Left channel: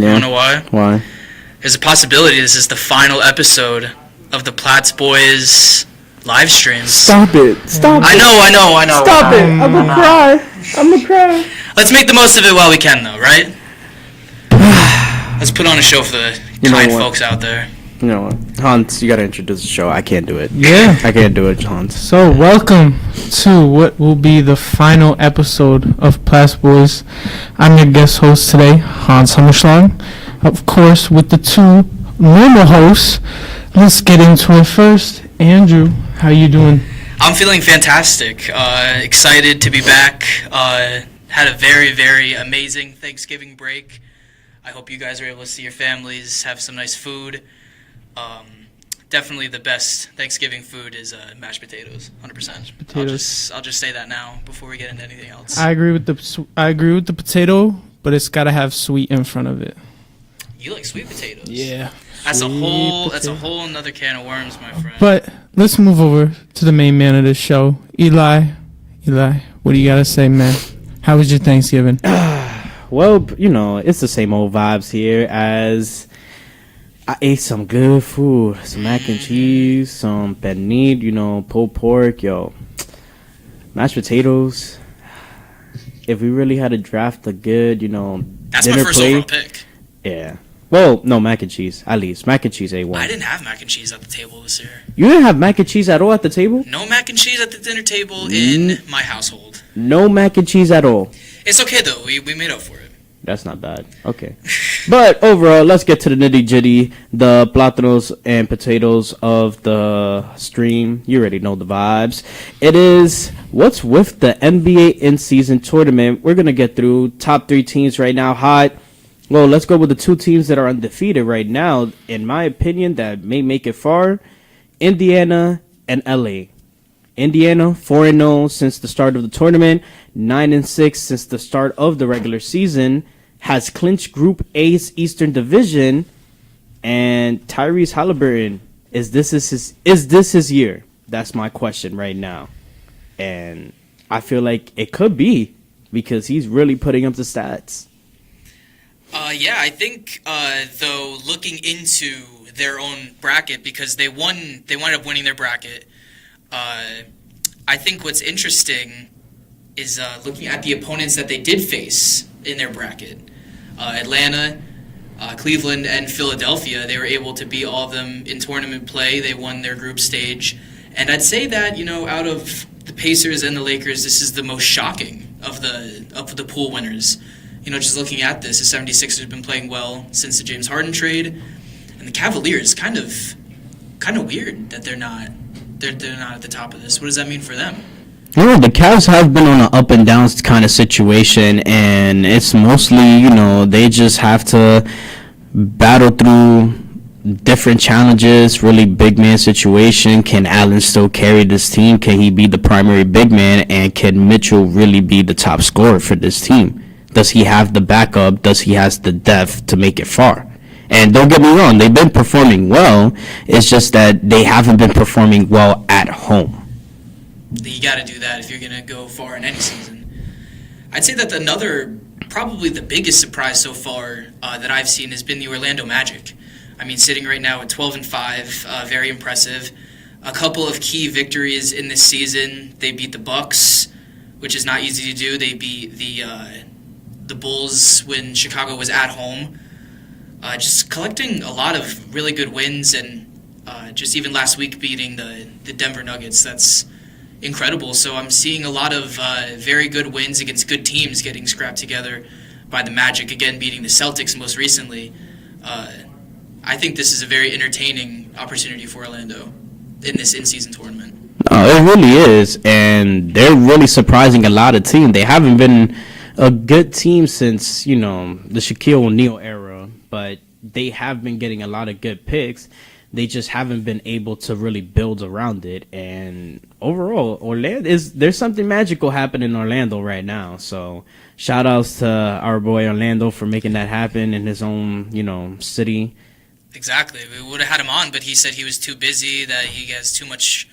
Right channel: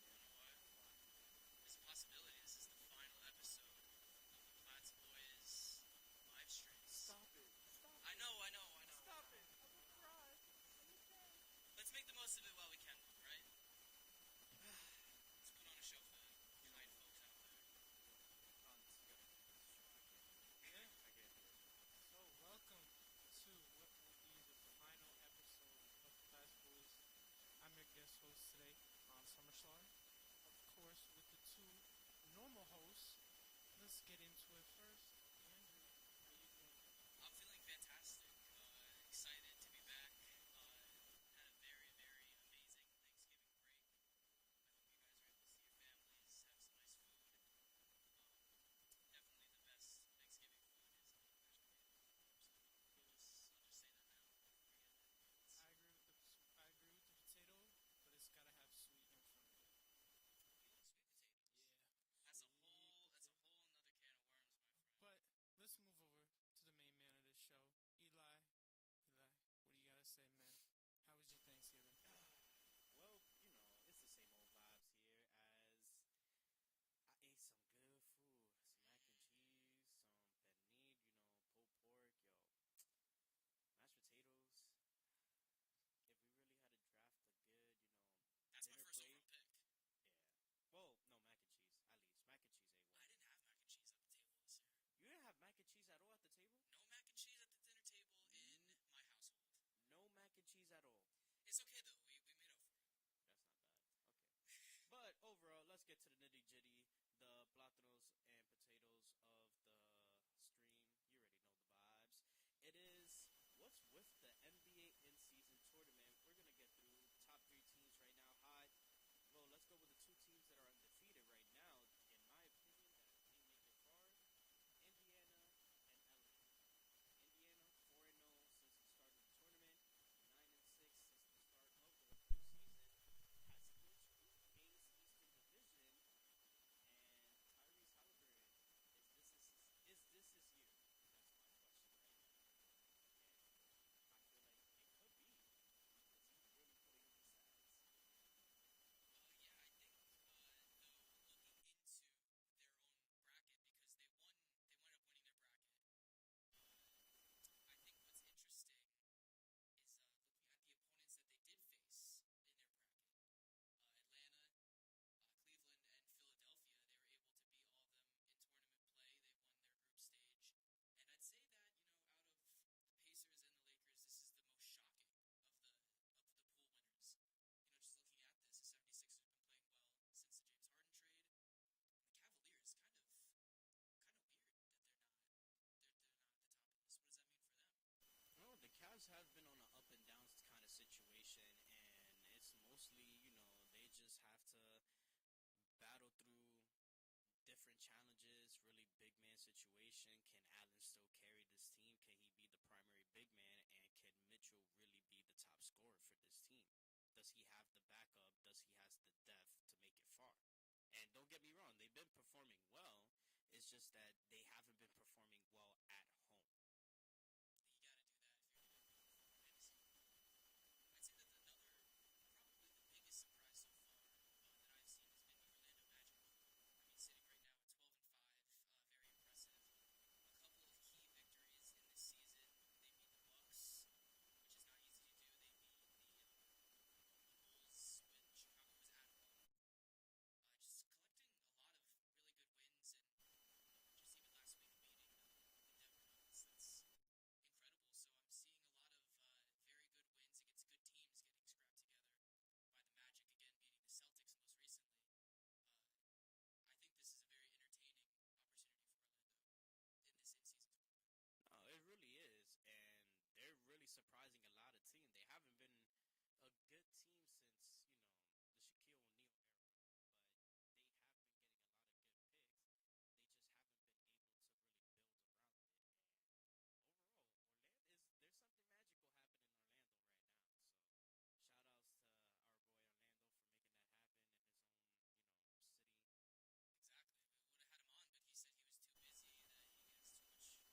Yeah. You wanna know why? Why? There's a possibility this is the final episode of the Platt's Boyz live streams. Stop it. Stop it. I know. Stop it. I'm gonna cry. I'm gonna cry. Let's make the most of it while we can, though, right? Let's put on a show for the kind folks out there. You know what? Hans, you gotta introduce the show. I can't do it. Yeah. I can't do it, Hans. So, welcome to what will be the final episode of Platt's Boyz. I'm your guest host today, Hans Hammerschlag. Of course, with the two normal hosts. Let's get into it first. Andrew, how you doing? I'm feeling fantastic. Excited to be back. Had a very, very amazing Thanksgiving break. I hope you guys are able to see your families, have some nice food. Definitely the best Thanksgiving food is mashed potatoes, 100%. Potatoes. I'll just say that now before we get into anything else. I agree with the potato, but it's gotta have sweet in front of it. You like sweet potatoes? Yeah. That's a whole another can of worms, my friend. But let's move over to the main man of the show, Eli. What do you gotta say, man? How was your Thanksgiving? Well, you know, it's the same old vibes here as I ate some good food. Some mac and cheese, some pernil, you know, pulled pork, mashed potatoes. If we really had to draft a good, you know, that's dinner my first plate, overall pick. Yeah. Well, no, mac and cheese, at least. Mac and cheese A1. I didn't have mac and cheese at the table this year. You didn't have mac and cheese at all at the table? No mac and cheese at the dinner table in my household. No mac and cheese at all. It's okay, though. We made up for it. That's not bad. Okay. But overall, let's get to the nitty-gritty, the plátanos and potatoes of the stream. You already know the vibes. It is what's with the NBA in-season tournament. We're going to get through top three teams right now. Hot. Well, let's go with the two teams that are undefeated right now, in my opinion, that may make it far. Indiana and LA. Indiana, 4-0 since the start of the tournament, 9-6 since the start of the regular season, has clinched Group A's Eastern Division, and Tyrese Halliburton, is this his year? That's my question right now. And I feel like it could be, because he's really putting up the stats. Yeah, I think, though, looking into their own bracket, because they wound up winning their bracket, I think what's interesting is looking at the opponents that they did face in their bracket. Atlanta, Cleveland, and Philadelphia, they were able to beat all of them in tournament play. They won their group stage. And I'd say that, you know, out of the Pacers and the Lakers, this is the most shocking of the pool winners. You know, just looking at this, the 76ers have been playing well since the James Harden trade. And the Cavaliers, kind of weird that they're not at the top of this. What does that mean for them? You know, the Cavs have been on an up and down kind of situation, and it's mostly, you know, they just have to battle through different challenges, really big man situation. Can Allen still carry this team? Can he be the primary big man? And can Mitchell really be the top scorer for this team? Does he have the backup? Does he have the depth to make it far? And don't get me wrong, they've been performing well. It's just that they haven't been performing well at home. You got to do that if you're going to go far in any season. I'd say that probably the biggest surprise so far that I've seen has been the Orlando Magic. I mean, sitting right now at 12-5, very impressive. A couple of key victories in this season. They beat the Bucks, which is not easy to do. They beat the Bulls when Chicago was at home. Just collecting a lot of really good wins, and just even last week beating the Denver Nuggets. That's incredible. So I'm seeing a lot of very good wins against good teams getting scrapped together by the Magic, again beating the Celtics most recently. I think this is a very entertaining opportunity for Orlando in this in-season tournament. It really is, and they're really surprising a lot of teams. They haven't been a good team since, you know, the Shaquille O'Neal era, but they have been getting a lot of good picks. They just haven't been able to really build around it. And overall, there's something magical happening in Orlando right now. So shout outs to our boy Orlando for making that happen in his own, you know, city. Exactly. We would have had him on, but he said he was too busy, that he has too much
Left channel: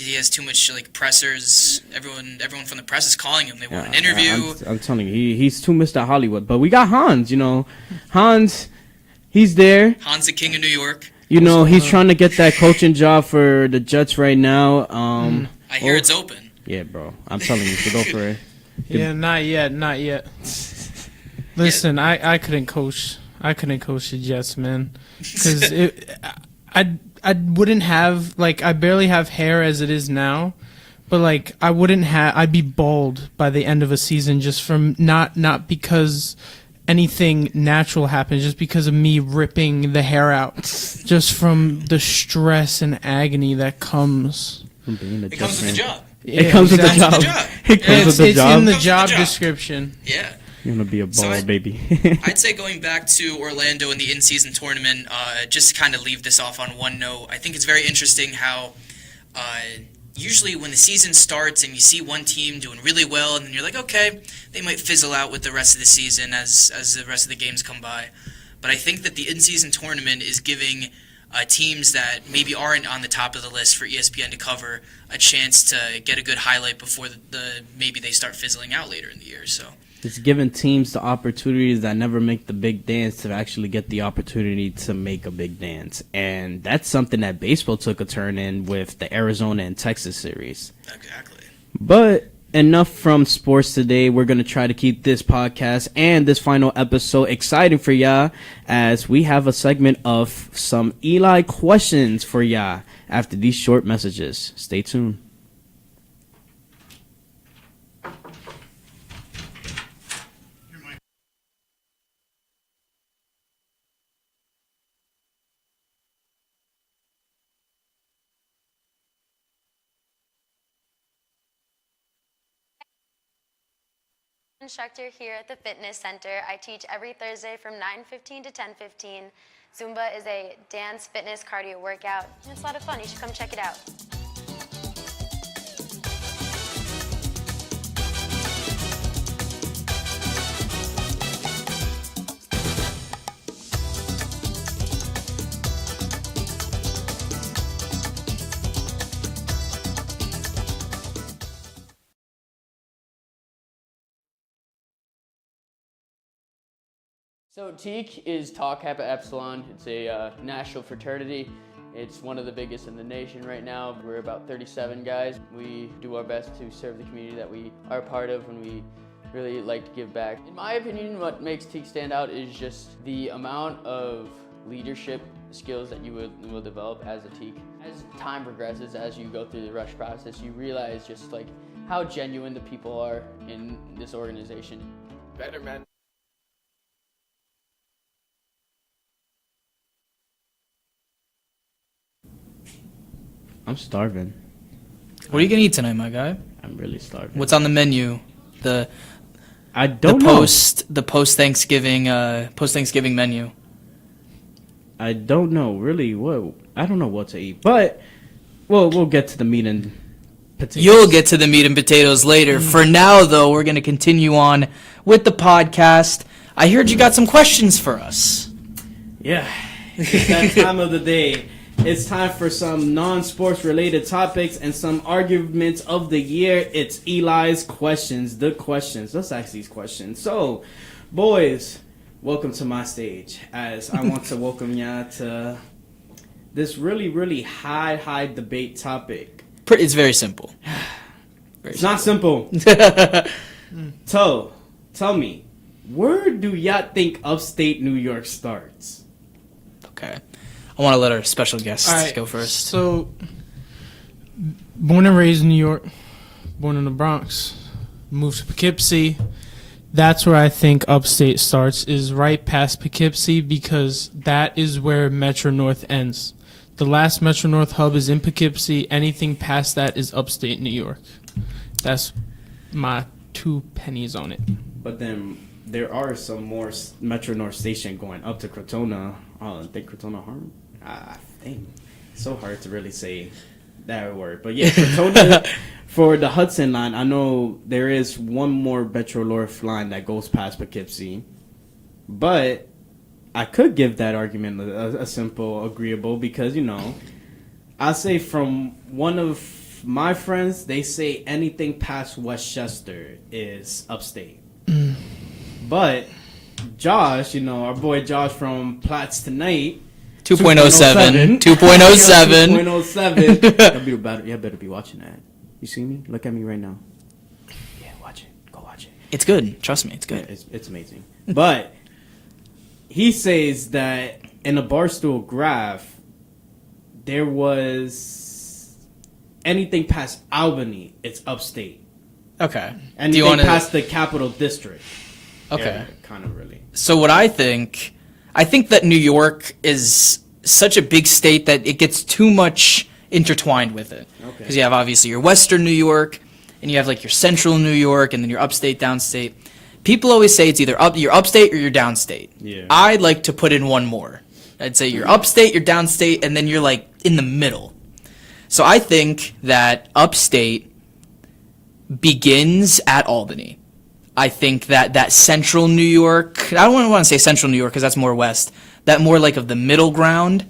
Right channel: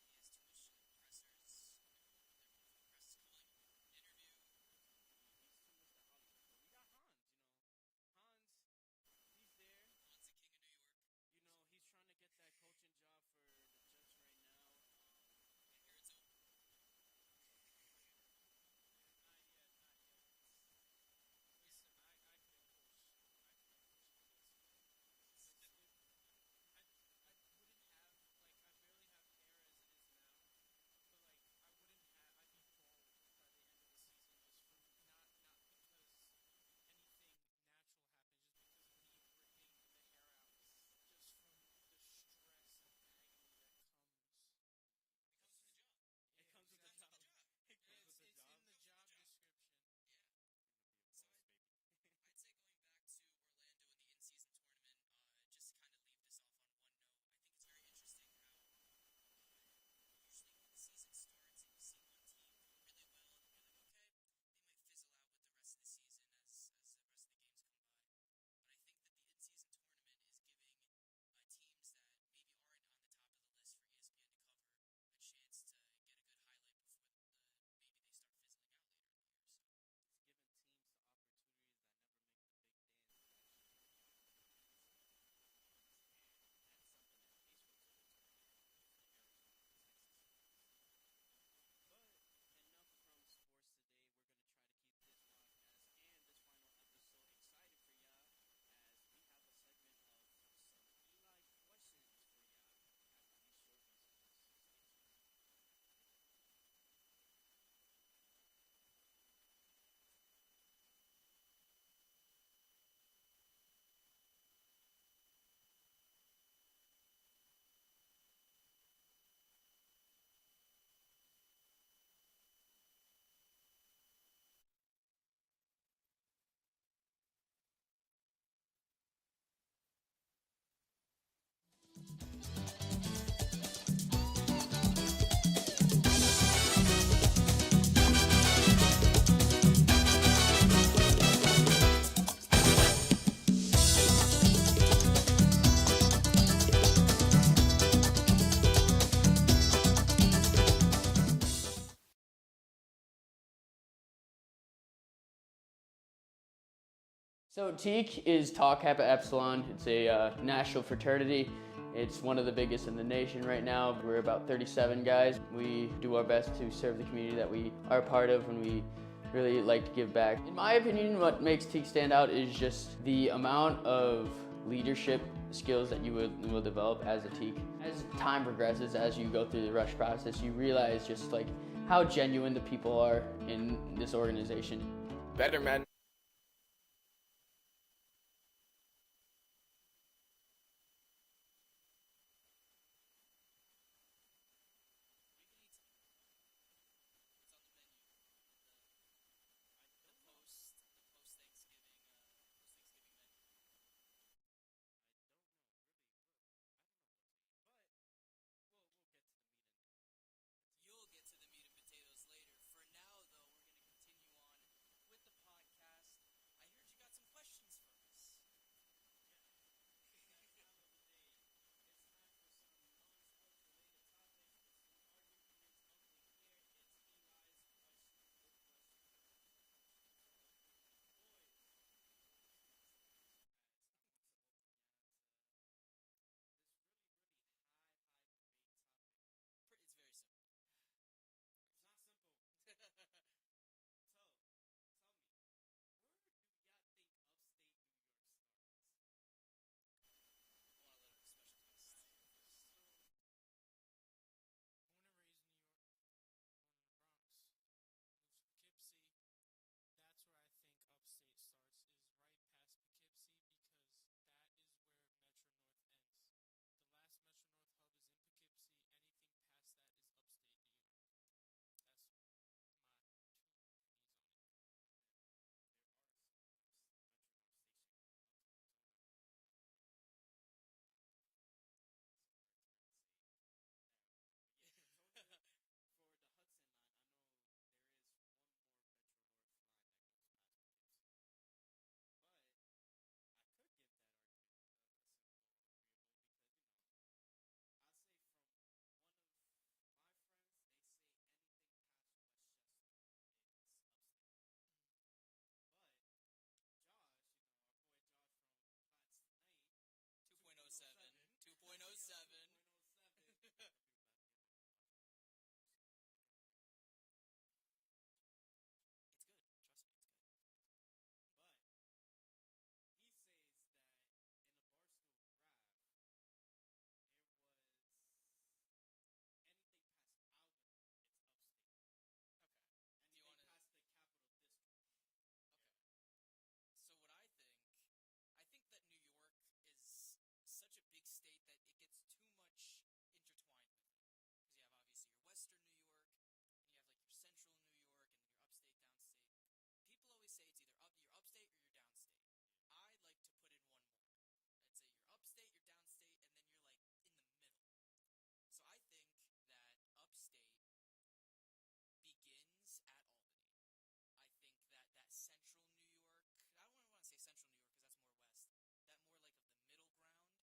he has too much like pressers. Everyone from the press is calling him. They want an Yeah, interview. I'm telling you, he's too Mr. Hollywood. But we got Hans. Hans, he's there. Hans, the king of New York. He's trying to get that coaching job for the Jets right now. I hear it's open. Yeah, bro. I'm telling you, to go for it. Yeah, not yet. Listen, I couldn't coach. I couldn't coach the Jets, man, because I wouldn't have, like, I barely have hair as it is now, but like I'd be bald by the end of a season just from not because anything natural happens, just because of me ripping the hair out, just from the stress and agony that comes. It comes with the job. It comes with the job. It comes with the job. It's in the job description. Yeah. You want to be a bald baby. I'd say going back to Orlando in the in-season tournament, just to kind of leave this off on one note, I think it's very interesting how usually when the season starts and you see one team doing really well, and then you're like, okay, they might fizzle out with the rest of the season as the rest of the games come by. But I think that the in-season tournament is giving teams that maybe aren't on the top of the list for ESPN to cover a chance to get a good highlight before maybe they start fizzling out later in the year. So it's giving teams the opportunities that never make the big dance to actually get the opportunity to make a big dance. And that's something that baseball took a turn in with the Arizona and Texas series. Exactly. But enough from sports today. We're going to try to keep this podcast and this final episode exciting for y'all, as we have a segment of some Eli questions for y'all after these short messages. Stay tuned. Instructor here at the fitness center. I teach every Thursday from 9:15 to 10:15. Zumba is a dance, fitness, cardio workout. It's a lot of fun. You should come check it out. So TEAC is Tau Kappa Epsilon. It's a national fraternity. It's one of the biggest in the nation right now. We're about 37 guys. We do our best to serve the community that we are a part of, and we really like to give back. In my opinion, what makes TEAC stand out is just the amount of leadership skills that you will develop as a TEAC. As time progresses, as you go through the rush process, you realize just like how genuine the people are in this organization. Better man. I'm starving. What are you gonna eat tonight, my guy? I'm really starving. What's on the menu? I don't know. The post Thanksgiving menu. I don't know really what. I don't know what to eat, but we'll get to the meat and potatoes. You'll get to the meat and potatoes later. For now, though, we're gonna continue on with the podcast. I heard you got some questions for us. Yeah, it's that time of the day. It's time for some non-sports related topics and some arguments of the year. It's Eli's questions. The questions. Let's ask these questions. So, boys, welcome to my stage, as I want to welcome y'all to this really, really high debate topic. It's very simple. It's not simple. Tell me, where do y'all think upstate New York starts? Okay. I want to let our special guests go first. So, born and raised in New York, born in the Bronx, moved to Poughkeepsie. That's where I think upstate starts, is right past Poughkeepsie, because that is where Metro North ends. The last Metro North hub is in Poughkeepsie. Anything past that is upstate New York. That's my 2 pennies on it. But then there are some more Metro North station going up to Crotona. I think Crotona Harm. I think it's so hard to really say that word. But yeah, Crotona for the Hudson line. I know there is one more Metro North line that goes past Poughkeepsie. But I could give that argument a simple agreeable, because, I say from one of my friends, they say anything past Westchester is upstate. But Josh, our boy Josh from Platt's Tonight, 2.07. 2.07. 2.07. You better be watching that. You see me? Look at me right now. Yeah, watch it. Go watch it. It's good. Trust me, it's good. Yeah, it's amazing. But he says that in a Barstool graph, there was anything past Albany, it's upstate. Okay. Anything past the capital district. Okay. Yeah, kind of really. So what I think that New York is such a big state that it gets too much intertwined with it. Okay. Because you have obviously your Western New York, and you have like your Central New York, and then your upstate, downstate. People always say it's either you're upstate or you're downstate. Yeah. I'd like to put in one more. I'd say you're upstate, you're downstate, and then you're like in the middle. So I think that upstate begins at Albany. I think that Central New York, I don't want to say Central New York because that's more west, that more like of the middle ground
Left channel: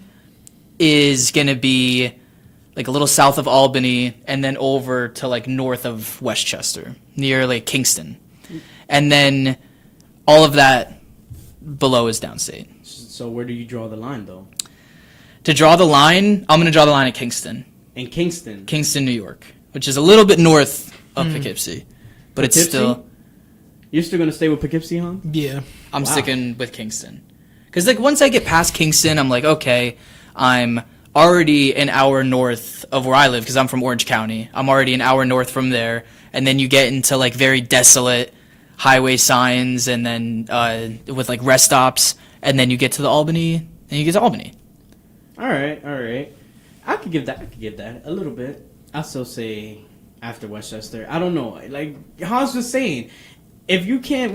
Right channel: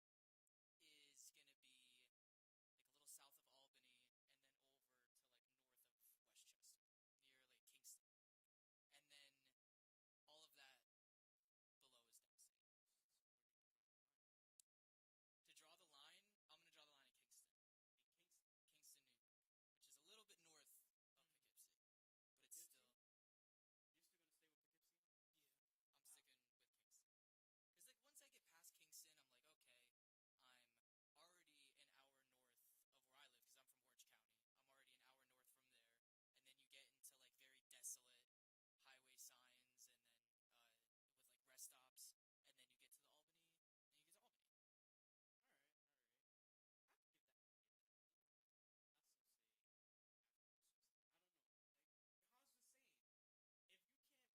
is going to be like a little south of Albany and then over to like north of Westchester, near like Kingston. And then all of that below is downstate. So where do you draw the line, though? To draw the line, I'm going to draw the line at Kingston. In Kingston? Kingston, New York, which is a little bit north of Poughkeepsie. But it's Poughkeepsie? still... You're still going to stay with Poughkeepsie, huh? Yeah. I'm sticking with Kingston. Because like once I get past Kingston, I'm like, okay, I'm already an hour north of where I live because I'm from Orange County. I'm already an hour north from there. And then you get into like very desolate highway signs and then with like rest stops. And then you get to the Albany, and you get to Albany. All right. I could give that a little bit. I still say after Westchester. I don't know. Like Hans was saying, if you can't,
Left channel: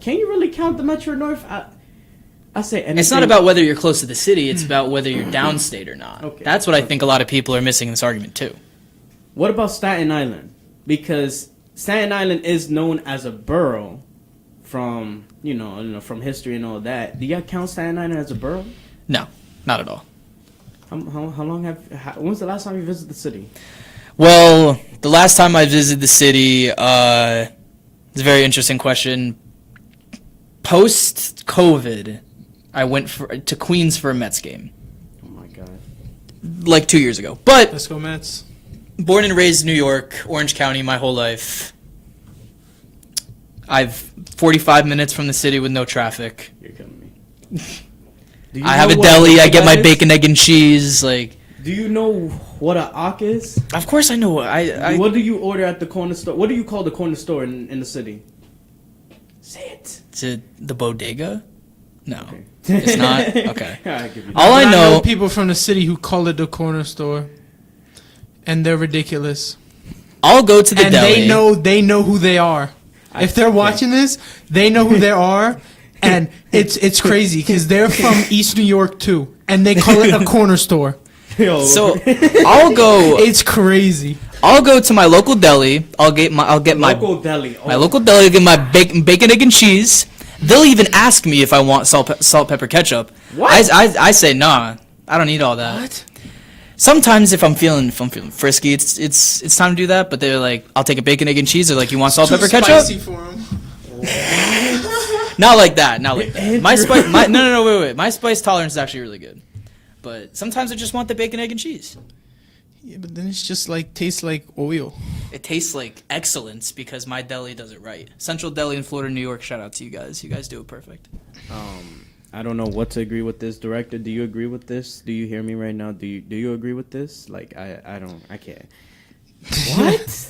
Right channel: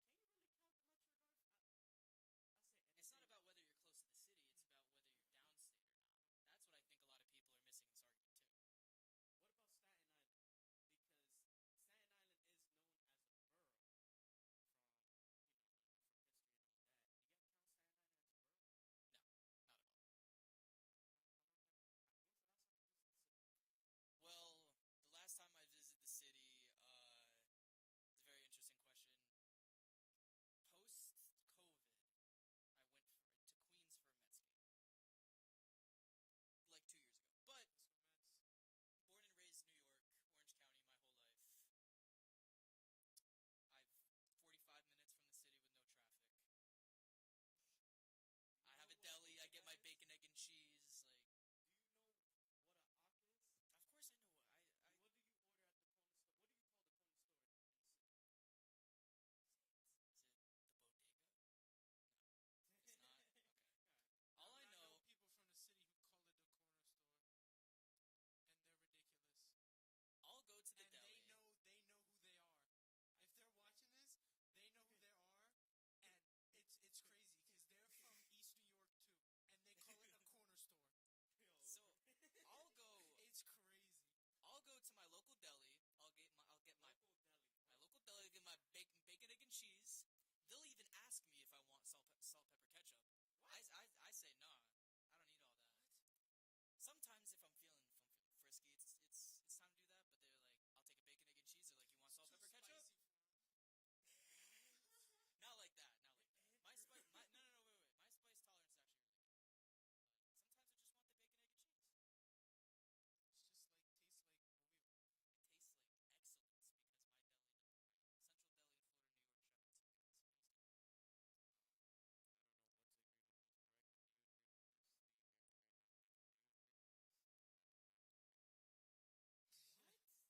can you really count the Metro North? I say anything. It's not about whether you're close to the city. It's about whether you're downstate or not. Okay. That's what I think a lot of people are missing in this argument too. What about Staten Island? Because Staten Island is known as a borough from from history and all that. Do you count Staten Island as a borough? No, not at all. How long when's the last time you visited the city? Well, the last time I visited the city, it's a very interesting question. Post-COVID, I went to Queens for a Mets game. Oh my god. Like 2 years ago. But Let's go Mets. born and raised in New York, Orange County my whole life. I've 45 minutes from the city with no traffic. You're killing me. I have a deli. I get my bacon, egg, and cheese. Like, do you know what a Ak is? of course I know. What do you order at the corner store? What do you call the corner store in the city? Say it. Is it the bodega? No, Okay. it's not. Okay. I'll give you that. All I know. People from the city who call it the corner store, and they're ridiculous. I'll go to the And deli. they know who they are. If they're watching this, they know who they are, and it's crazy because they're from East New York too, and they call it a corner store. Yo. So I'll go. It's crazy. I'll go to my local deli. I'll get my local deli. my local deli. Get my bacon, egg, and cheese. They'll even ask me if I want salt, pepper, ketchup. What? I say nah. I don't need all that. What? Sometimes if I'm feeling frisky, it's time to do that. But they're like, I'll take a bacon, egg, and cheese. They're like, you want salt, pepper, ketchup? Spicy for 'em. Not like that. Not like that. My spice. Wait. My spice tolerance is actually really good. But sometimes I just want the bacon, egg, and cheese. Yeah, but then it's just like tastes like oil. It tastes like excellence because my deli does it right. Central Deli in Florida, New York. Shout out to you guys. You guys do it perfect. I don't know what to agree with this. Director, do you agree with this? Do you hear me right now? Do you agree with this? Like I can't. What?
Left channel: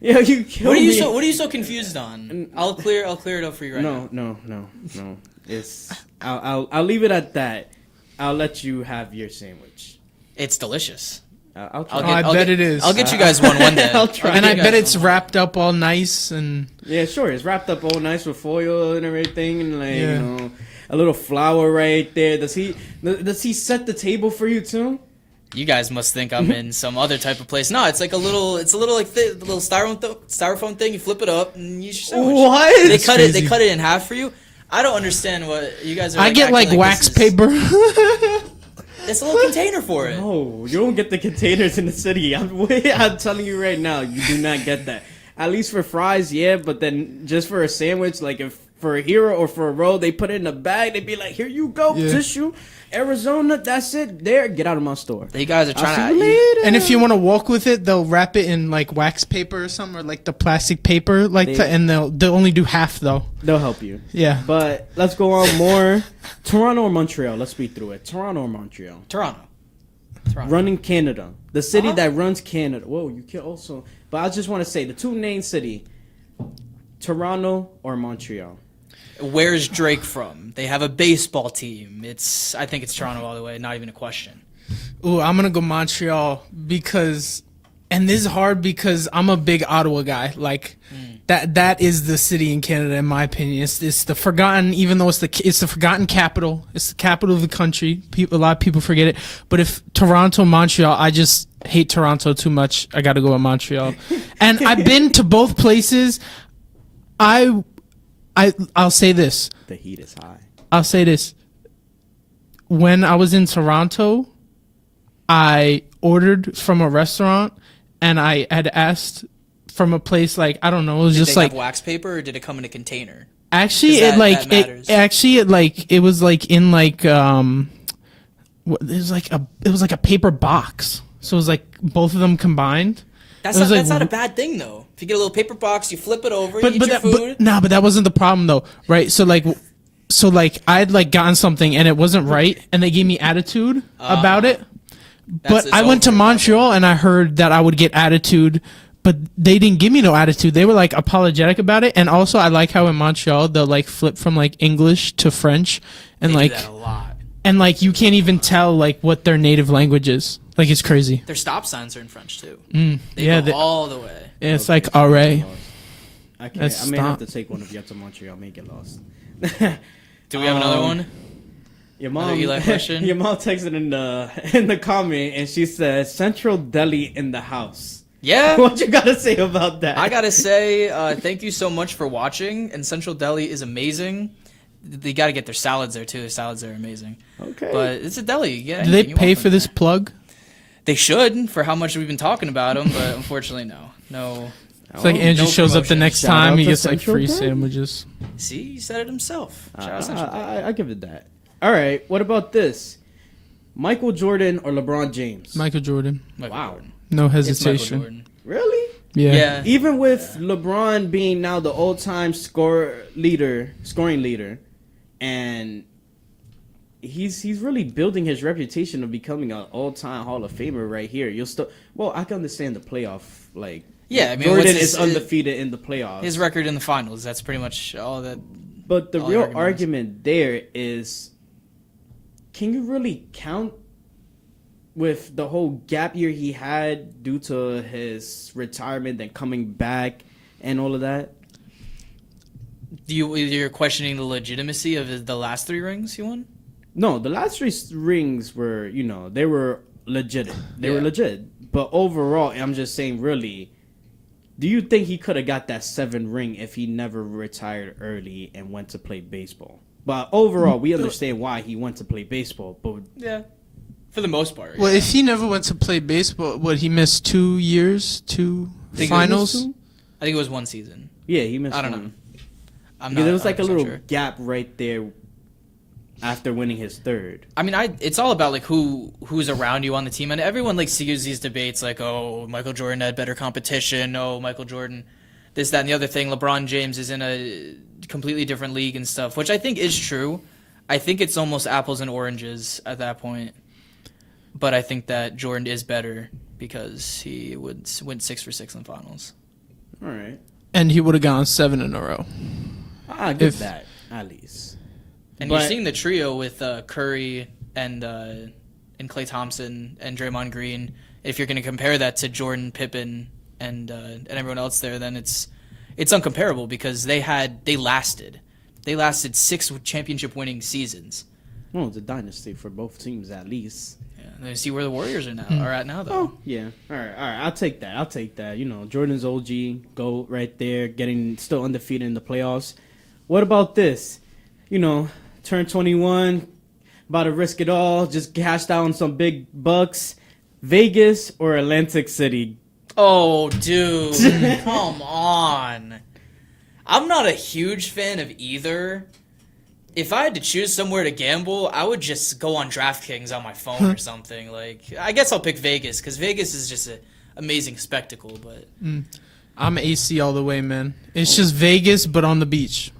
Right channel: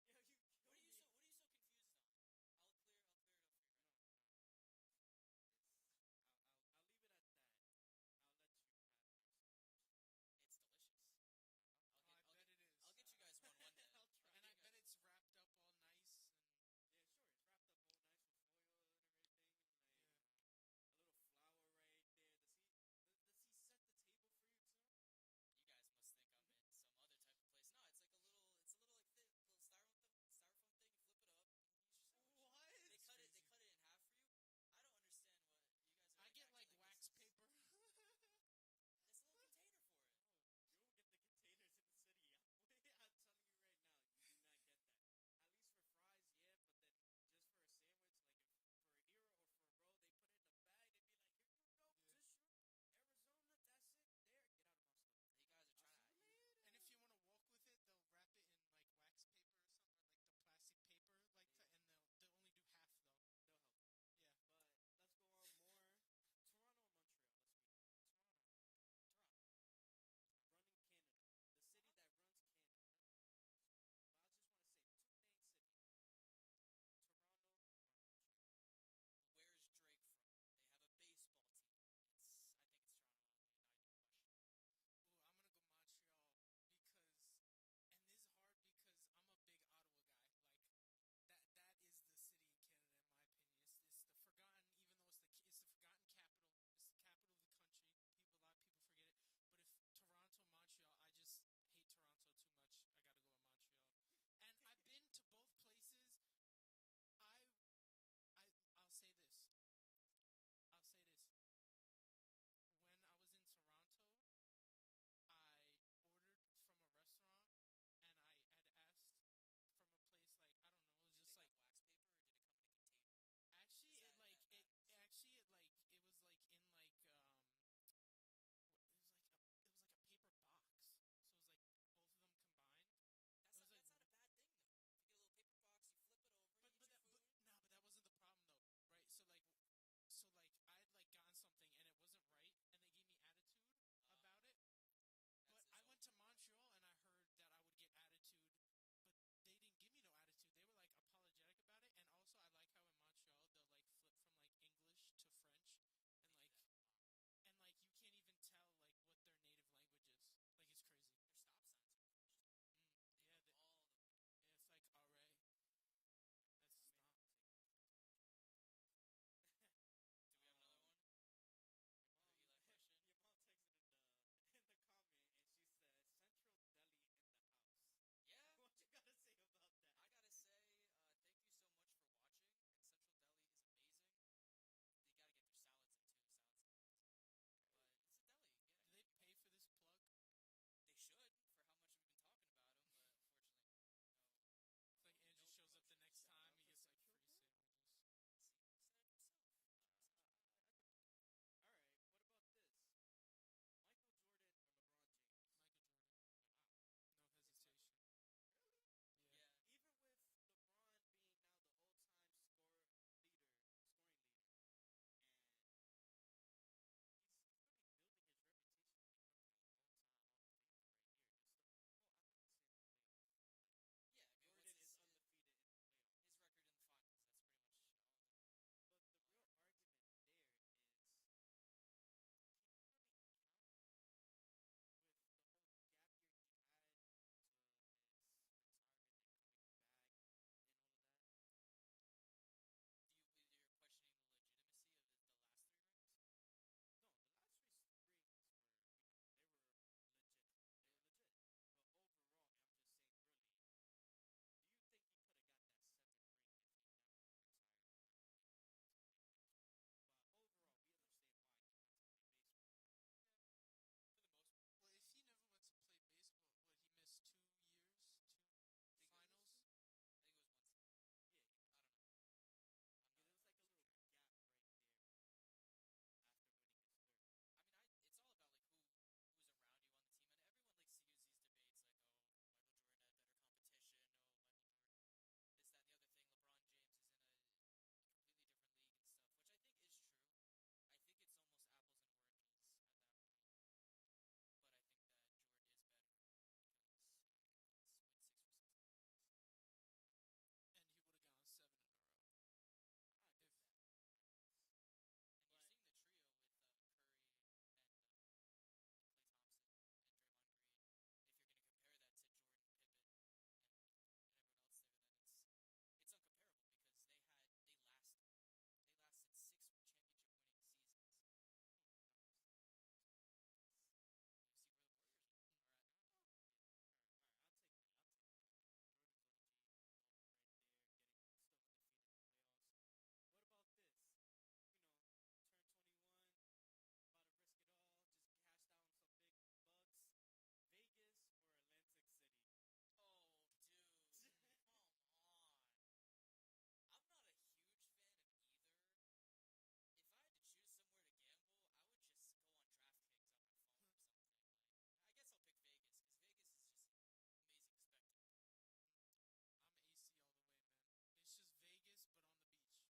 Yeah, you killed me. What are you so confused on? I'll clear it up for you right now. No. It's I'll leave it at that. I'll let you have your sandwich. It's delicious. I'll I'll try. I bet it is. I'll get you guys one day. I'll try. And I You bet guys it's one. wrapped up all nice and Yeah, sure. It's wrapped up all nice with foil and everything, and like Yeah. a little flower right there. Does he set the table for you too? You guys must think I'm in some other type of place. No, it's like a little like the little styrofoam thing. You flip it up and you use your sandwich. What? They It's cut crazy. it in half for you. I don't understand what you guys are. I get like acting wax this is- paper. That's a little container for it. No, you don't get the containers in the city. I'm telling you right now, you do not get that. At least for fries, yeah, but then just for a sandwich, like if for a hero or for a roll, they put it in a bag. They'd be like, "Here you go, tissue." Arizona, that's it. There, get out of my store. You guys are I'll trying see you to. later. And if you want to walk with it, they'll wrap it in like wax paper or something, or like the plastic paper, and they'll only do half though. They'll help you. Yeah. But let's go on more. Toronto or Montreal? Let's speed through it. Toronto or Montreal? Toronto. Running Canada. The city that runs Canada. Whoa, you can also. But I just want to say the two main city, Toronto or Montreal. Where's Drake from? They have a baseball team. I think it's Toronto all the way. Not even a question. Ooh, I'm gonna go Montreal because, and this is hard because I'm a big Ottawa guy. Like that is the city in Canada, in my opinion. It's the forgotten, even though it's the forgotten capital. It's the capital of the country. A lot of people forget it. But if Toronto, Montreal, I just hate Toronto too much. I got to go with Montreal. And I've been to both places. I'll say this. The heat is high. I'll say this. When I was in Toronto, I ordered from a restaurant, and I had asked from a place like, I don't know, it was Did just they like have wax paper, or did it come in a container? actually that it like matters. it was like in like it was like a paper box. So it was like both of them combined. That's It was not like- a bad thing though. If you get a little paper box, you flip it over, you eat your food. But that wasn't the problem though, right? So I'd like gotten something and it wasn't right, and they gave me attitude about it. But it's I went to over. Montreal and I heard that I would get attitude, but they didn't give me no attitude. They were like apologetic about it, and also I like how in Montreal they'll like flip from like English to French, and They like do that a lot. and like you can't even tell like what their native language is. Like it's crazy. Their stop signs are in French too. Yeah, They go they- all the way. It's like array. I can't. Let's I may have stop. to take one of you up to Montreal. I may get lost. Do we have another one? Your Another mom, Eli question? Your mom texted in the comment, and she said Central Deli in the house. Yeah. What you gotta say about that? I gotta say, thank you so much for watching. And Central Deli is amazing. They gotta get their salads there too. Their salads are amazing. Okay. But it's a deli. Yeah. Do they pay for this plug? They should, for how much we've been talking about them, but unfortunately, no. It's like Andrew no shows up the promotion. next Shout time out he to gets like Central free Deli. sandwiches. See, he said it himself. Shout out Central Deli. I give it that. All right. What about this? Michael Jordan or LeBron James? Michael Jordan, Michael Wow. Jordan. no It's Michael hesitation. Jordan. Really? Yeah. Even with LeBron being now the all-time scoring leader, and he's really building his reputation of becoming an all-time Hall of Famer right here. I can understand the playoff Yeah, I mean, Jordan what's is undefeated in the playoffs. His record in the finals, that's pretty much all that. But the all the real arguments. argument there is, can you really count with the whole gap year he had due to his retirement and coming back and all of that? You're questioning the legitimacy of the last 3 rings he won? No, the last 3 rings were, they were legit. They were Yeah. legit. But overall, I'm just saying, really, do you think he could have got that 7th ring if he never retired early and went to play baseball? But overall, we understand why he went to play baseball. But Yeah. For the most part. Well, yeah. if he never went to play baseball, he missed 2 years, 2 Think it finals? was two? I think it was 1 season. Yeah, he missed I don't one. know. I'm Because not. there was like a 100% little sure. gap right there after winning his 3rd. I mean, it's all about like who's around you on the team, and everyone like sees these debates like, oh, Michael Jordan had better competition. Oh, Michael Jordan, this, that, and the other thing. LeBron James is in a completely different league and stuff, which I think is true. I think it's almost apples and oranges at that point. But I think that Jordan is better because he went 6 for 6 in the finals. All right. And he would have gone 7 in a row. I give If- that, at least. And But- you're seeing the trio with Curry and Klay Thompson and Draymond Green. If you're going to compare that to Jordan, Pippen, and everyone else there, then it's uncomparable because they lasted 6 championship winning seasons. Well, it's a dynasty for both teams, at least. Yeah, and see where the Warriors are at now though. Oh, yeah. All right. I'll take that. Jordan's OG, GOAT right there, getting still undefeated in the playoffs. What about this? Turned 21, about to risk it all, just cashed out on some big bucks. Vegas or Atlantic City? Oh, dude, come on. I'm not a huge fan of either. If I had to choose somewhere to gamble, I would just go on DraftKings on my phone or something. Like, I guess I'll pick Vegas because Vegas is just an amazing spectacle. But I'm AC all the way, man. It's just Vegas, but on the beach.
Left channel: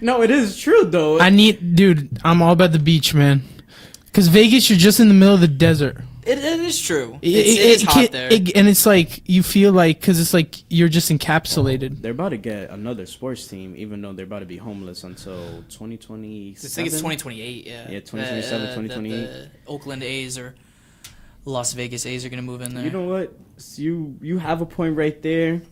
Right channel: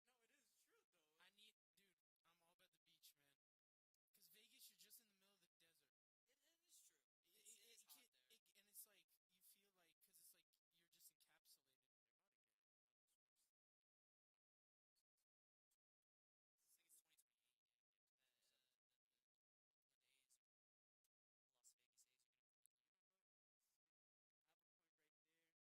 No, it is true though. Dude, I'm all about the beach, man. Because Vegas, you're just in the middle of the desert. it is true. It's hot there. And it's like, you feel like, because it's like you're just encapsulated. They're about to get another sports team, even though they're about to be homeless until 2027. I think it's 2028, yeah. Yeah, 2027, 2028. The Oakland A's or Las Vegas A's are going to move in there. You know what? You have a point right there.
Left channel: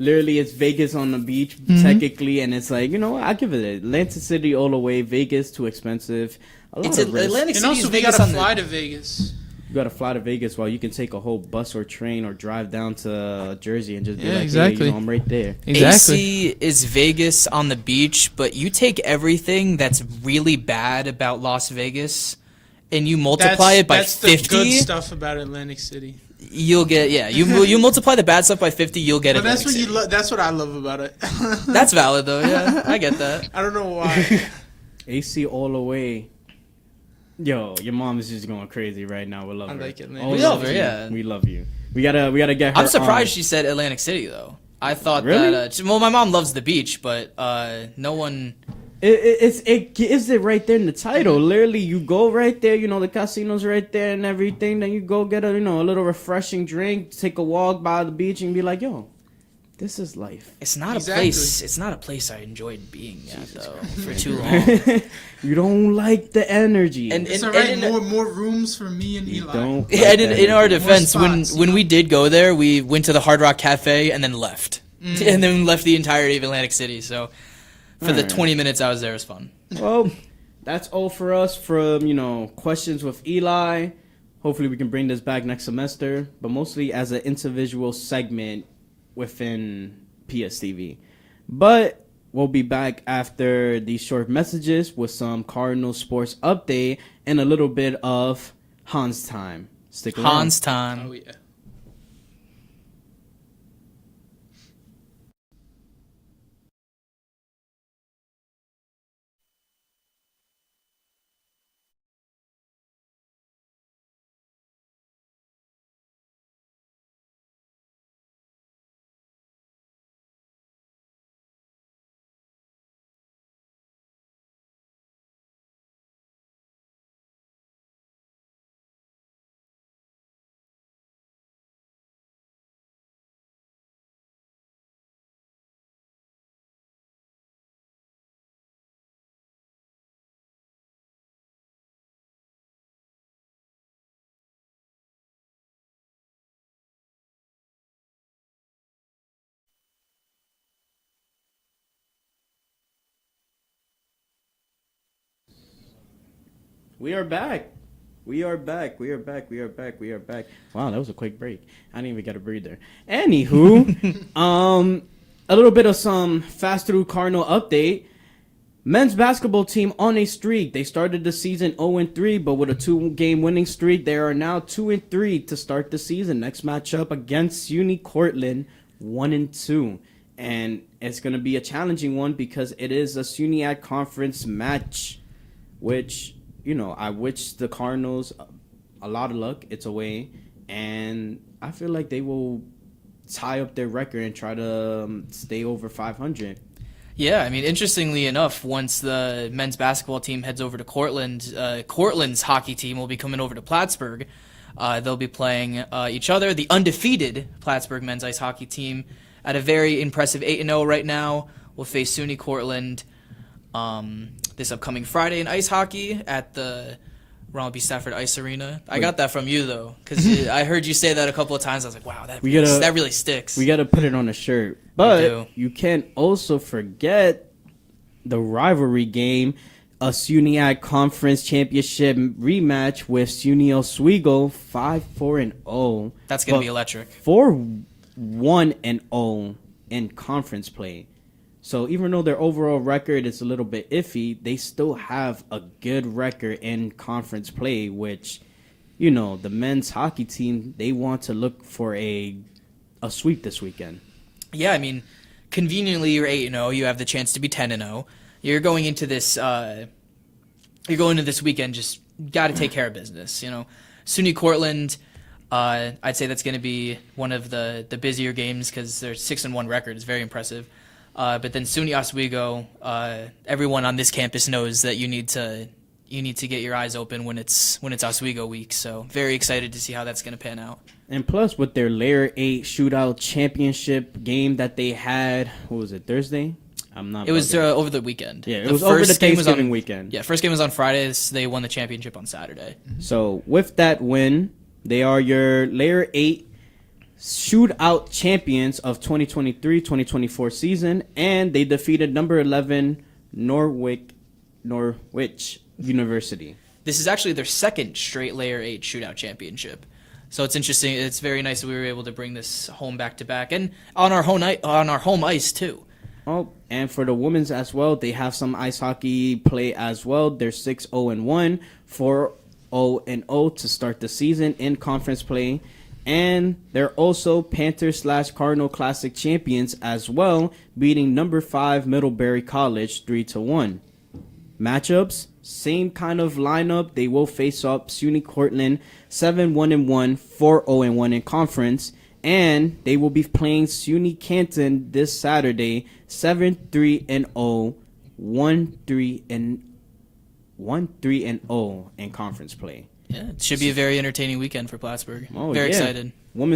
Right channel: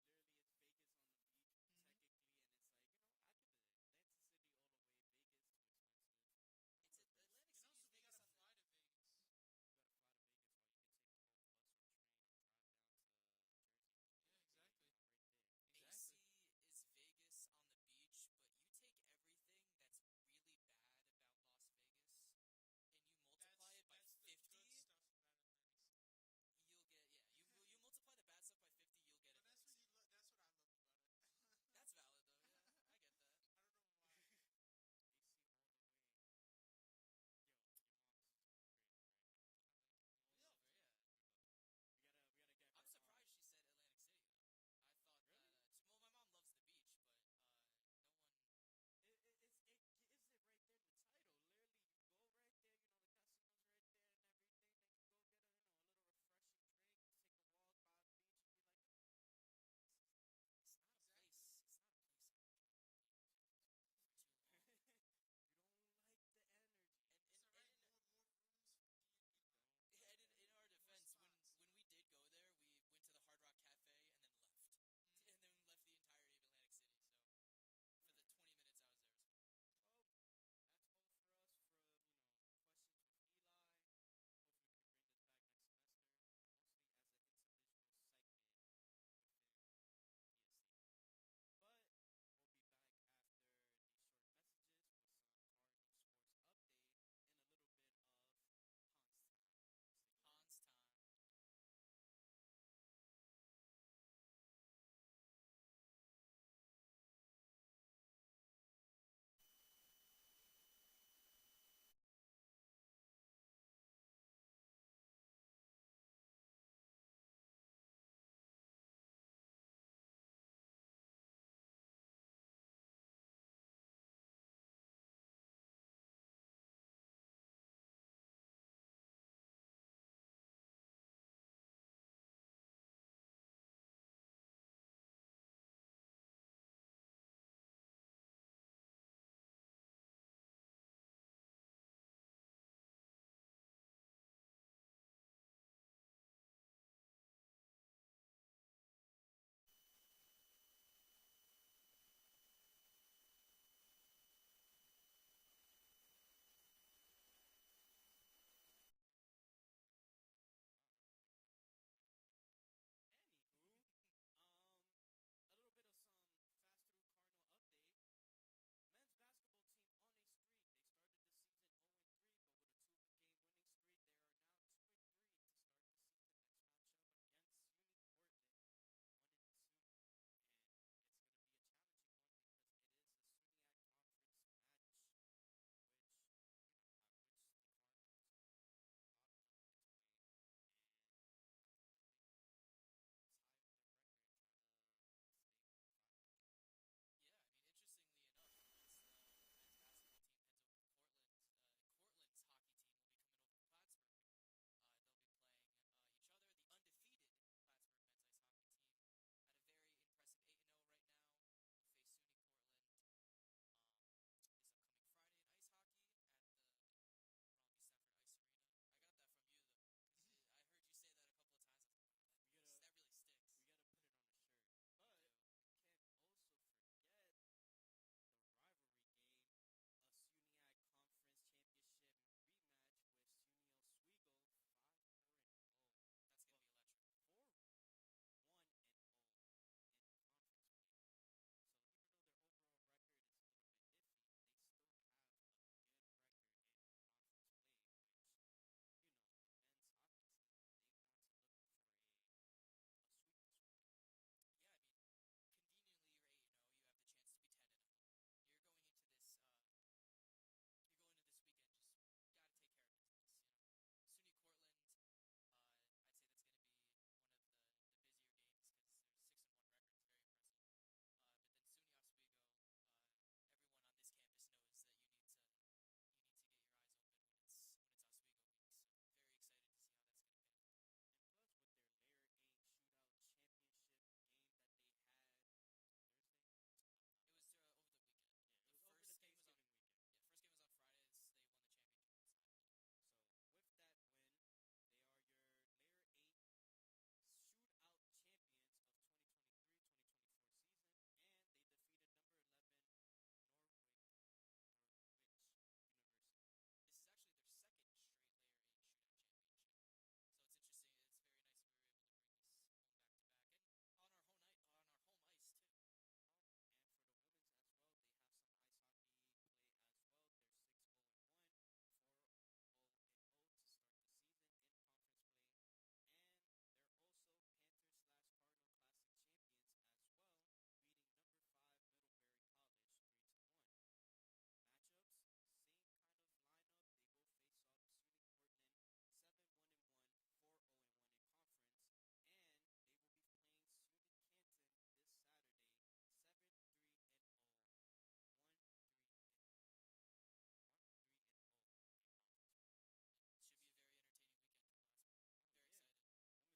Literally, it's Vegas on the beach, technically, and it's like, you know what? I'll give it Atlantic City all the way. Vegas, too expensive. A lot of risk. Atlantic And City also, is we Vegas gotta on fly the... to Vegas. You gotta fly to Vegas while you can take a whole bus or train or drive down to Jersey and just be like, exactly. hey, you know, I'm right there. Exactly. AC is Vegas on the beach, but you take everything that's really bad about Las Vegas and you multiply it by 50. That's the good stuff about Atlantic City. You'll get, you multiply the bad stuff by 50, you'll get But Atlantic that's what City. that's what I love about it. That's valid though, yeah. I get that. I don't know why. AC all the way. Yo, your mom is just going crazy right now. We love I her. like it, man. All We love her, you. yeah. We love you. We gotta get her. I'm surprised she said Atlantic City though. I thought Really? that, well, my mom loves the beach, but no one... It gives it right there in the title. Literally, you go right there. You know, the casino's right there and everything. Then you go get a little refreshing drink, take a walk by the beach, and be like, yo, this is life. It's not Exactly. a place. It's not a place I enjoyed being at though for too long. You don't like the energy. And It's and- alright. and- More rooms for me and you Eli. don't. Yeah, like and the in our energy. defense, spots, when we did go there, we went to the Hard Rock Cafe and then left, and then left the entirety of Atlantic City. So for the Alright. 20 minutes I was there, it was fun. Well, that's all for us from questions with Eli. Hopefully, we can bring this back next semester, but mostly as an individual segment within PSTV. But we'll be back after these short messages with some Cardinal sports update and a little bit of Hans time. Stick around. Hans time. Oh yeah. We are back. We are back. We are back. We are back. We are back. Wow, that was a quick break. I didn't even get a breather. Anywho, a little bit of some fast through Cardinal update. Men's basketball team on a streak. They started the season 0-3, but with a 2-game winning streak, they are now 2-3 to start the season. Next matchup against SUNY Cortland, 1-2. And it's going to be a challenging one because it is a SUNY conference match, which, I wish the Cardinals a lot of luck. It's away. And I feel like they will tie up their record and try to stay over 500. Yeah, I mean, interestingly enough, once the men's basketball team heads over to Cortland, Cortland's hockey team will be coming over to Plattsburgh. They'll be playing each other. The undefeated Plattsburgh men's ice hockey team at a very impressive 8-0 right now will face SUNY Cortland this upcoming Friday in ice hockey at the Ronald B. Stafford Ice Arena. I got that from you, though, because I heard you say that a couple of times. I was like, wow, that really sticks. We got to put it on a shirt. But you can't also forget the rivalry game, a SUNY Conference Championship rematch with SUNY Oswego, 5-4-0. That's going to be electric. 4-1-0 in conference play. So even though their overall record is a little bit iffy, they still have a good record in conference play, which, you know, the men's hockey team, they want to look for a sweep this weekend. Yeah, I mean, conveniently you're 8-0. You have the chance to be 10-0. You're going into this. This weekend. Just got to take care of business. You know, SUNY Cortland. I'd say that's going to be one of the busier games because their 6-1 record is very impressive. But then SUNY Oswego. Everyone on this campus knows that you need to get your eyes open when it's Oswego week. So very excited to see how that's going to pan out. And plus, with their Layer 8 shootout championship game that they had, what was it, Thursday? It was over the weekend. Yeah, it was over the Thanksgiving weekend. Yeah, first game was on Friday. So they won the championship on Saturday. So with that win, they are your Layer 8 shootout champions of 2023-2024 season, and they defeated number 11 Norwich University. This is actually their second straight Layer 8 shootout championship. So it's interesting. It's very nice that we were able to bring this home back to back, and on our home ice too. Oh, and for the women's as well, they have some ice hockey play as well. They're 6-0-1, 4-0-0 to start the season in conference play, and they're also Panther/Cardinal Classic champions as well, beating number 5 Middlebury College 3-1. Matchups, same kind of lineup. They will face up SUNY Cortland 7-1-1, 4-0-1 in conference, and they will be playing SUNY Canton this Saturday 7-3-0, 1-3-0 in conference play. Yeah, it should be a very entertaining weekend for Plattsburgh. Very excited. All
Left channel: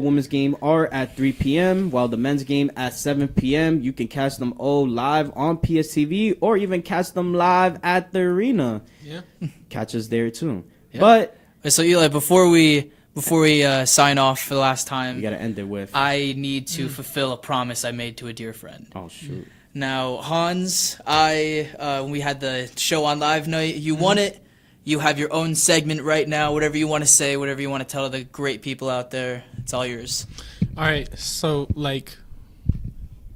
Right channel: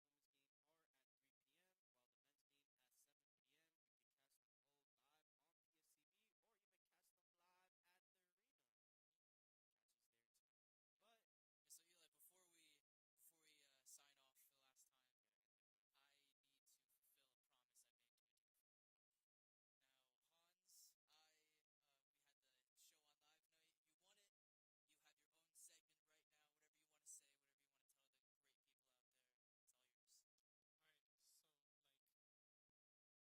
women's game are at 3 p.m., while the men's game at 7 p.m. You can catch them all live on PSTV or even catch them live at the arena. Yeah. Catch us there too. Yeah. But so Eli, before we sign off for the last time, you got to end it with, I need to fulfill a promise I made to a dear friend. oh shoot. Now, Hans, when we had the show on live night, you won it. You have your own segment right now. Whatever you want to say, whatever you want to tell the great people out there, it's all yours. All right, so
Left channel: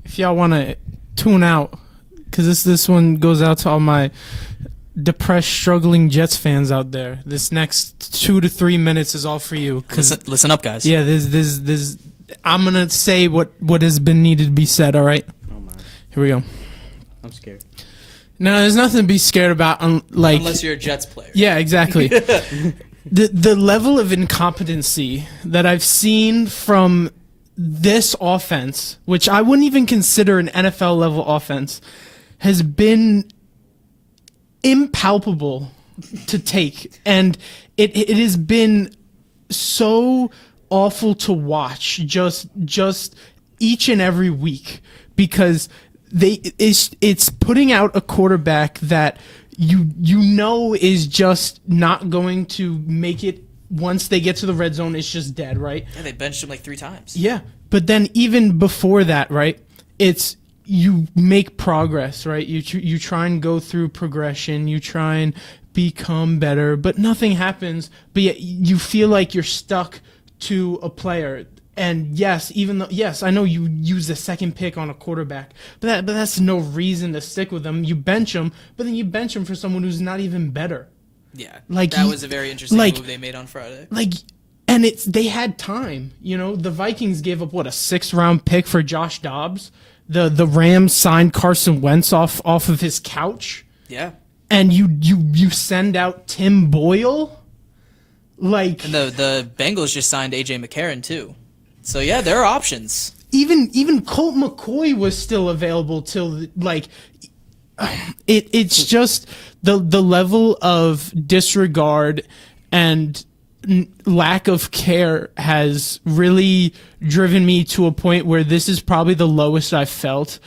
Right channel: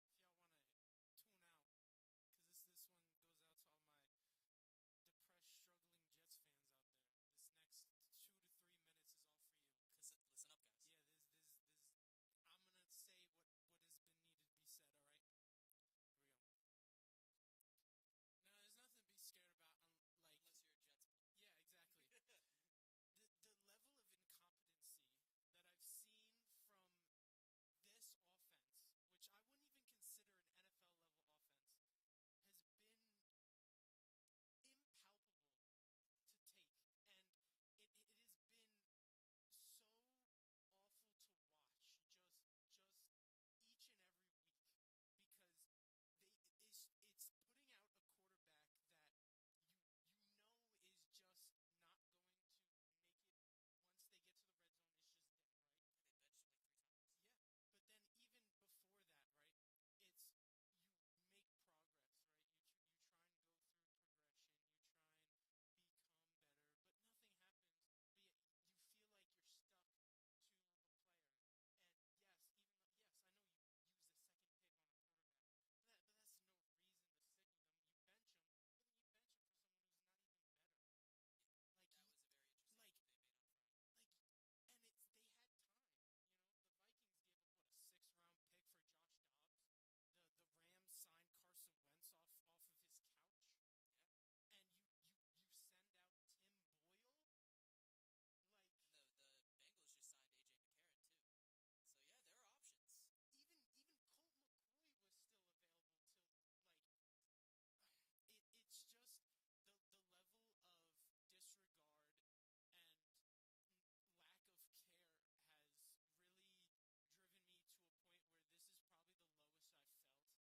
if y'all want to tune out, because this one goes out to all my depressed, struggling Jets fans out there. This next 2 to 3 minutes is all for you. Listen up, guys. Yeah, there's. I'm gonna say what has been needed to be said. All right. Oh my. Here we go. I'm scared. No, there's nothing to be scared about. Unless you're a Jets player. Yeah, exactly. The level of incompetency that I've seen from this offense, which I wouldn't even consider an NFL level offense, has been impalpable to take, and it has been so awful to watch just each and every week, because it's putting out a quarterback that you know is just not going to make it. Once they get to the red zone, it's just dead, right? Yeah, they benched him like 3 times. Yeah, but then even before that, right, it's you make progress, right? You try and go through progression, you try and become better, but nothing happens. But yet you feel like you're stuck to a player. And yes, I know you use the second pick on a quarterback, but that's no reason to stick with them. You bench him, but then you bench him for someone who's not even better. Yeah, that was a very interesting move they made on Friday. And they had time. You know, the Vikings gave up a 6th-round pick for Josh Dobbs. The Rams signed Carson Wentz off of his couch. Yeah, and you send out Tim Boyle, and the Bengals just signed AJ McCarron too. So yeah, there are options. Even Colt McCoy was still available till it's just the level of disregard and lack of care has really driven me to a point where this is probably the lowest I've felt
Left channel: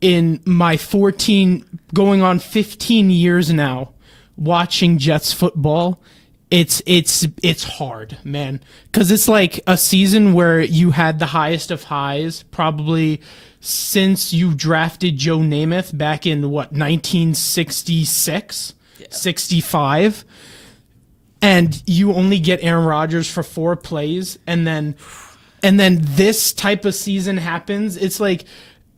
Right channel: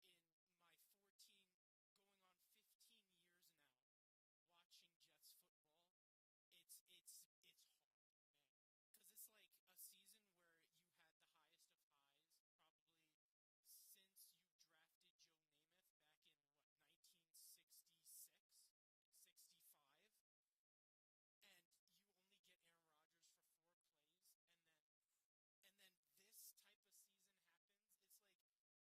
in my 15 years now watching Jets football. It's hard, man, because it's like a season where you had the highest of highs probably since you drafted Joe Namath back in 1966, 65, and you only get Aaron Rodgers for 4 plays, and then this type of season happens. It's like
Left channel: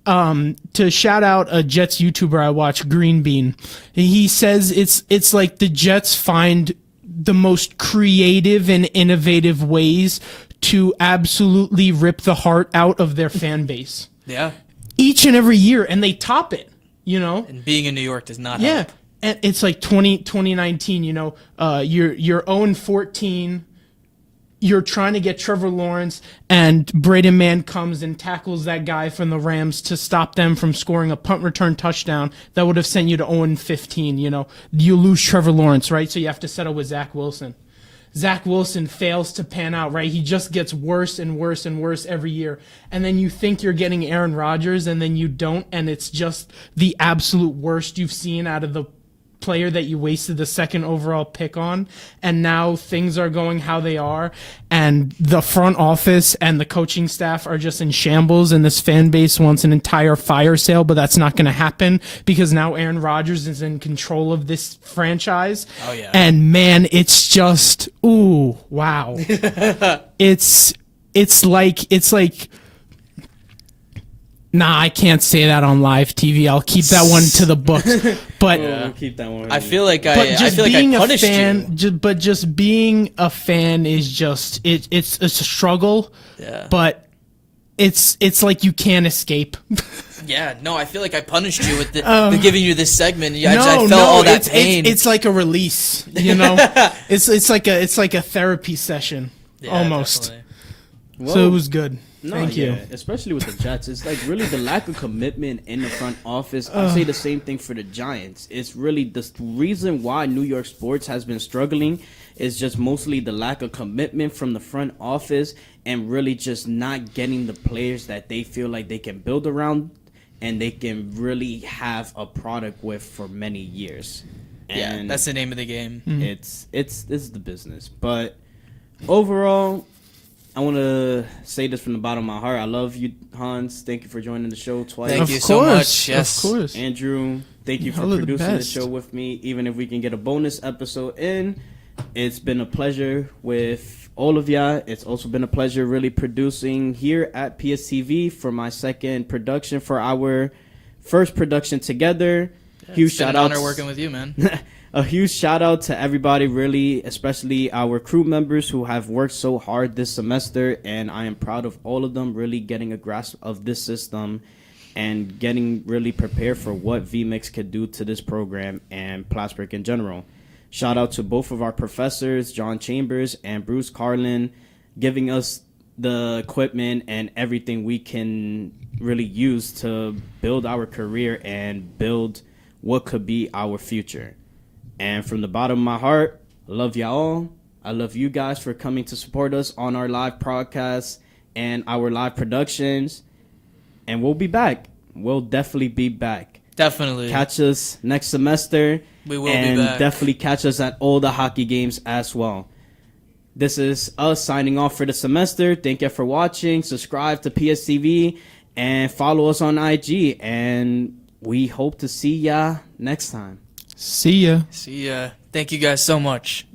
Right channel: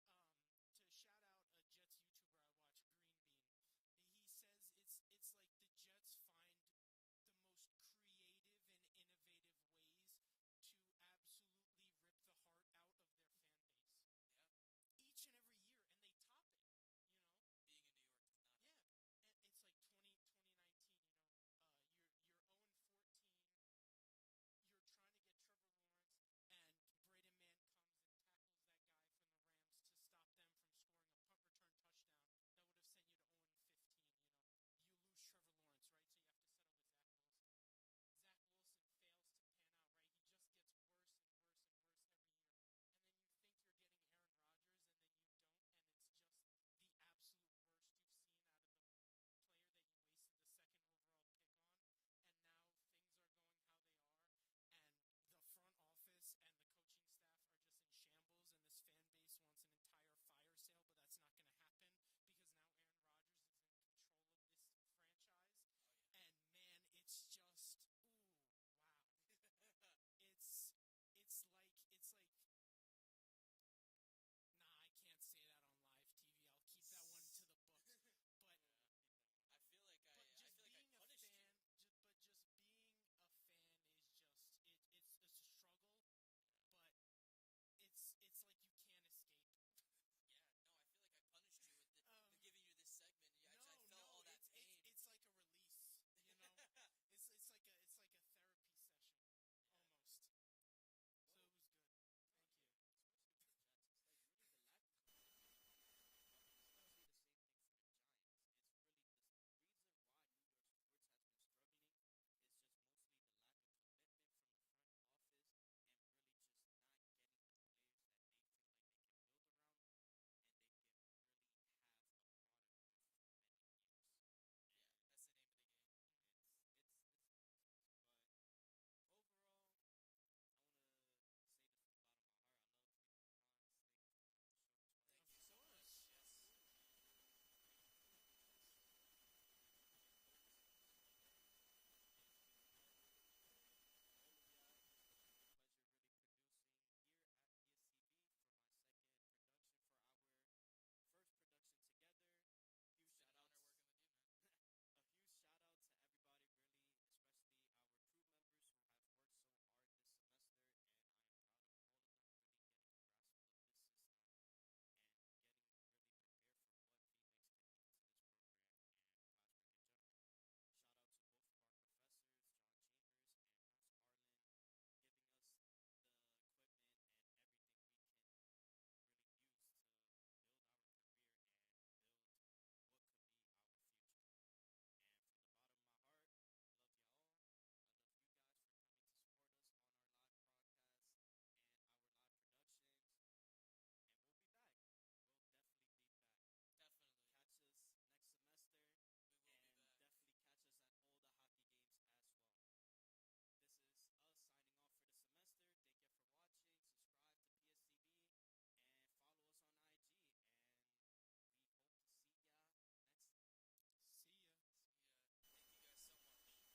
to shout out a Jets YouTuber I watch, Green Bean. He says it's like the Jets find the most creative and innovative ways to absolutely rip the heart out of their fan base Yeah. each and every year, and they top it. You know, And being in New York does not yeah. help. And it's like 2019. You know, you're 0-14. You're trying to get Trevor Lawrence, and Braden Mann comes and tackles that guy from the Rams to stop them from scoring a punt return touchdown that would have sent you to 0-15. You know, you lose Trevor Lawrence, right? So you have to settle with Zach Wilson. Zach Wilson fails to pan out, right? He just gets worse and worse and worse every year. And then you think you're getting Aaron Rodgers, and then you don't, and it's just the absolute worst you've seen out of the player that you wasted the second overall pick on. And now things are going how they are, and the front office and the coaching staff are just in shambles, and this fan base wants an entire fire sale, but that's not going to happen because now Aaron Rodgers is in control of this franchise. Oh, yeah. And man, it's just, ooh, wow. it's like nah, I can't say that on live TV. I'll keep that one to the books. But We'll keep that one. I feel like but I just feel like I being a punished fan, you. but just being a fan is just it's a struggle. Yeah. But it's like you can't escape. Yeah, no, I feel like I punished you with giving you this segment. I felt no, all that it's, pain. It's like a release, you know. it's like a therapy session Yeah, almost. definitely. So it was good. No, Thank you. Especially with the Jets, it's like really the lack of commitment in the front office. I say the same thing for the Giants. It's really the reason why New York sports has been struggling is just mostly the lack of commitment from the front office and really just not getting the players that they feel like they can build around and they can really have a product with for many years. Yeah, And that's the name of the game. it's the business. But overall, I want to say this from the bottom of my heart. I love you, Hans. Thank you for joining the show twice. Thank Of you so course, much. Yes. of course. Andrew, thank you for Y'all are the producing the best. show with me. Even if we can get a bonus episode in, it's been a pleasure with all of y'all. It's also been a pleasure really producing here at PSTV for my second production for our first production together. Huge It's been shout an out. honor working with you, man. A huge shout out to everybody, really, especially our crew members who have worked so hard this semester, and I am proud of all of them really getting a grasp of this system and getting really prepared for what VMix could do to this program and Plattsburgh in general. Shout out to both of our professors, John Chambers and Bruce Carlin, giving us the equipment and everything we can really use to build our career and build what could be our future. And from the bottom of my heart, I love y'all. I love you guys for coming to support us on our live broadcasts and our live productions. And we'll be back. We'll definitely be back. Definitely. Catch us next semester. We will and be back. definitely catch us at all the hockey games as well. This is us signing off for the semester. Thank you for watching. Subscribe to PSTV and follow us on IG. And we hope to see ya next time. See ya. See ya. Thank you guys so much.